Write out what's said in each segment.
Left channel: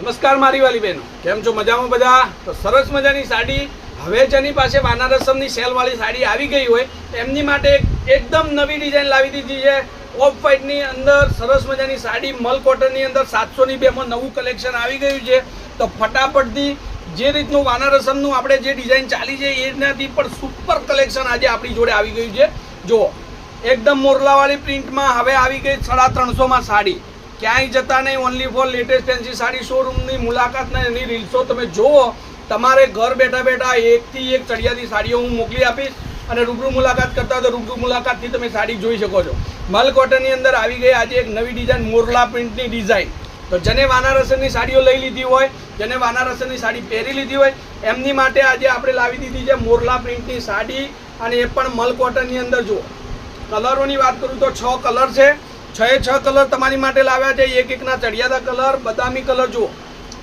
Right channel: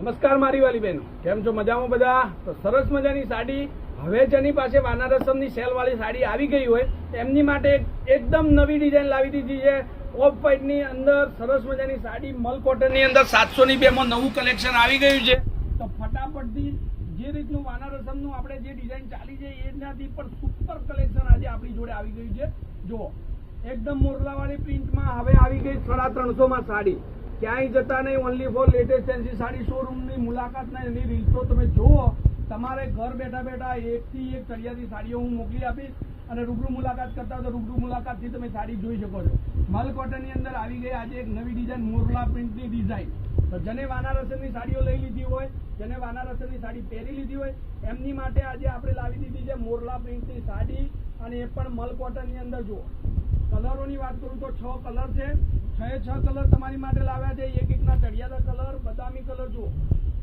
નમસ્કાર મારી વાલી બહેનો, કેમ છો? મજામાં બધા? તો સરસ મજાની સાડી હવે જેની પાસે વાનારસમની સેલવાળી સાડી આવી ગઈ હોય એમની માટે એકદમ નવી ડિઝાઇન લાવી દીધી છે. ઓફ વ્હાઇટની અંદર સરસ મજાની સાડી, મલ કોટનની અંદર 702 માં નવું કલેક્શન આવી ગયું છે. તો ફટાફટથી જે રીતનું વાનારસમનું આપણે જે ડિઝાઇન ચાલી છે એનાથી પણ સુપર કલેક્શન આજે આપણી જોડે આવી ગયું છે. જુઓ, એકદમ મોરલાવાળી પ્રિન્ટમાં હવે આવી ગઈ 350 સાડી. ક્યાંય જતા નહીં, only for latest fancy sari શોરૂમની મુલાકાત ને એની રીલ્સો તમે જુઓ. તમારે ઘર બેઠા બેઠા એકથી એક ચડિયાતી સાડીઓ હું મોકલી આપીશ અને રૂબરૂ મુલાકાત કરતા તો રૂબરૂ મુલાકાતથી તમે સાડી જોઈ શકો છો. મલ કોટનની અંદર આવી ગઈ આજે એક નવી ડિઝાઇન, મોરલા પ્રિન્ટની ડિઝાઇન. તો જેને વાનારસની સાડીઓ લઈ લીધી હોય, જેને વાનારસની સાડી પહેરી લીધી હોય એમની માટે આજે આપણે લાવી દીધી છે મોરલા પ્રિન્ટની સાડી, અને એ પણ મલ કોટનની અંદર. જુઓ, કલરોની વાત કરું તો 6 કલર છે. 6 કલર તમારી માટે લાવ્યા છે. એક એકના ચડિયાતા કલર, બદામી કલર. જુઓ,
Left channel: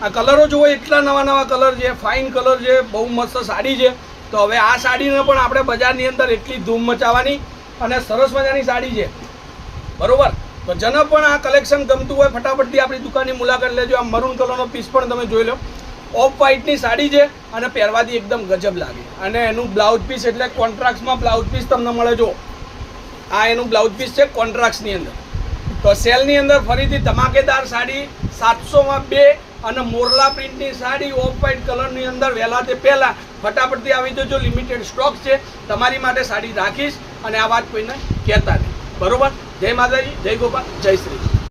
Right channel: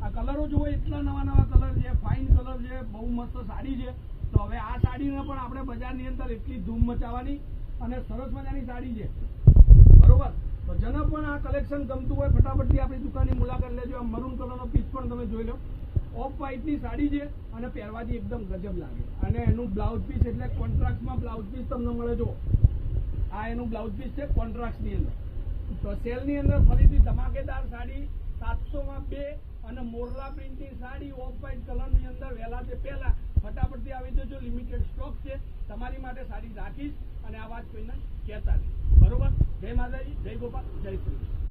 આ કલરો જુઓ, એટલા નવા નવા કલર છે, ફાઇન કલર છે, બહુ મસ્ત સાડી છે. તો હવે આ સાડીને પણ આપણે બજારની અંદર એટલી ધૂમ મચાવવાની અને સરસ મજાની સાડી છે, બરોબર? તો જેને પણ આ કલેક્શન ગમતું હોય ફટાફટથી આપણી દુકાનની મુલાકાત લેજો. આ મરૂન કલરનો પીસ પણ તમે જોઈ લો. ઓફ વ્હાઇટની સાડી છે અને પહેરવાથી એકદમ ગજબ લાગે. અને એનું બ્લાઉઝ પીસ એટલે કોન્ટ્રાક્ટમાં બ્લાઉઝ પીસ તમને મળે. જો આ એનું બ્લાઉઝ પીસ છે કોન્ટ્રાક્ટની અંદર. તો સેલની અંદર ફરીથી ધમાકેદાર સાડી 700 માં 2 અને મોરલા પ્રિન્ટની સાડી ઓફ વ્હાઇટ કલરની અંદર વહેલા તે પહેલાં ફટાફટથી આવી જજો. લિમિટેડ સ્ટોક છે, તમારી માટે સાડી રાખીશ અને આ વાત કોઈને કહેતા નહીં, બરોબર? જય માતાજી, જય ગોપાલ, જય શ્રી.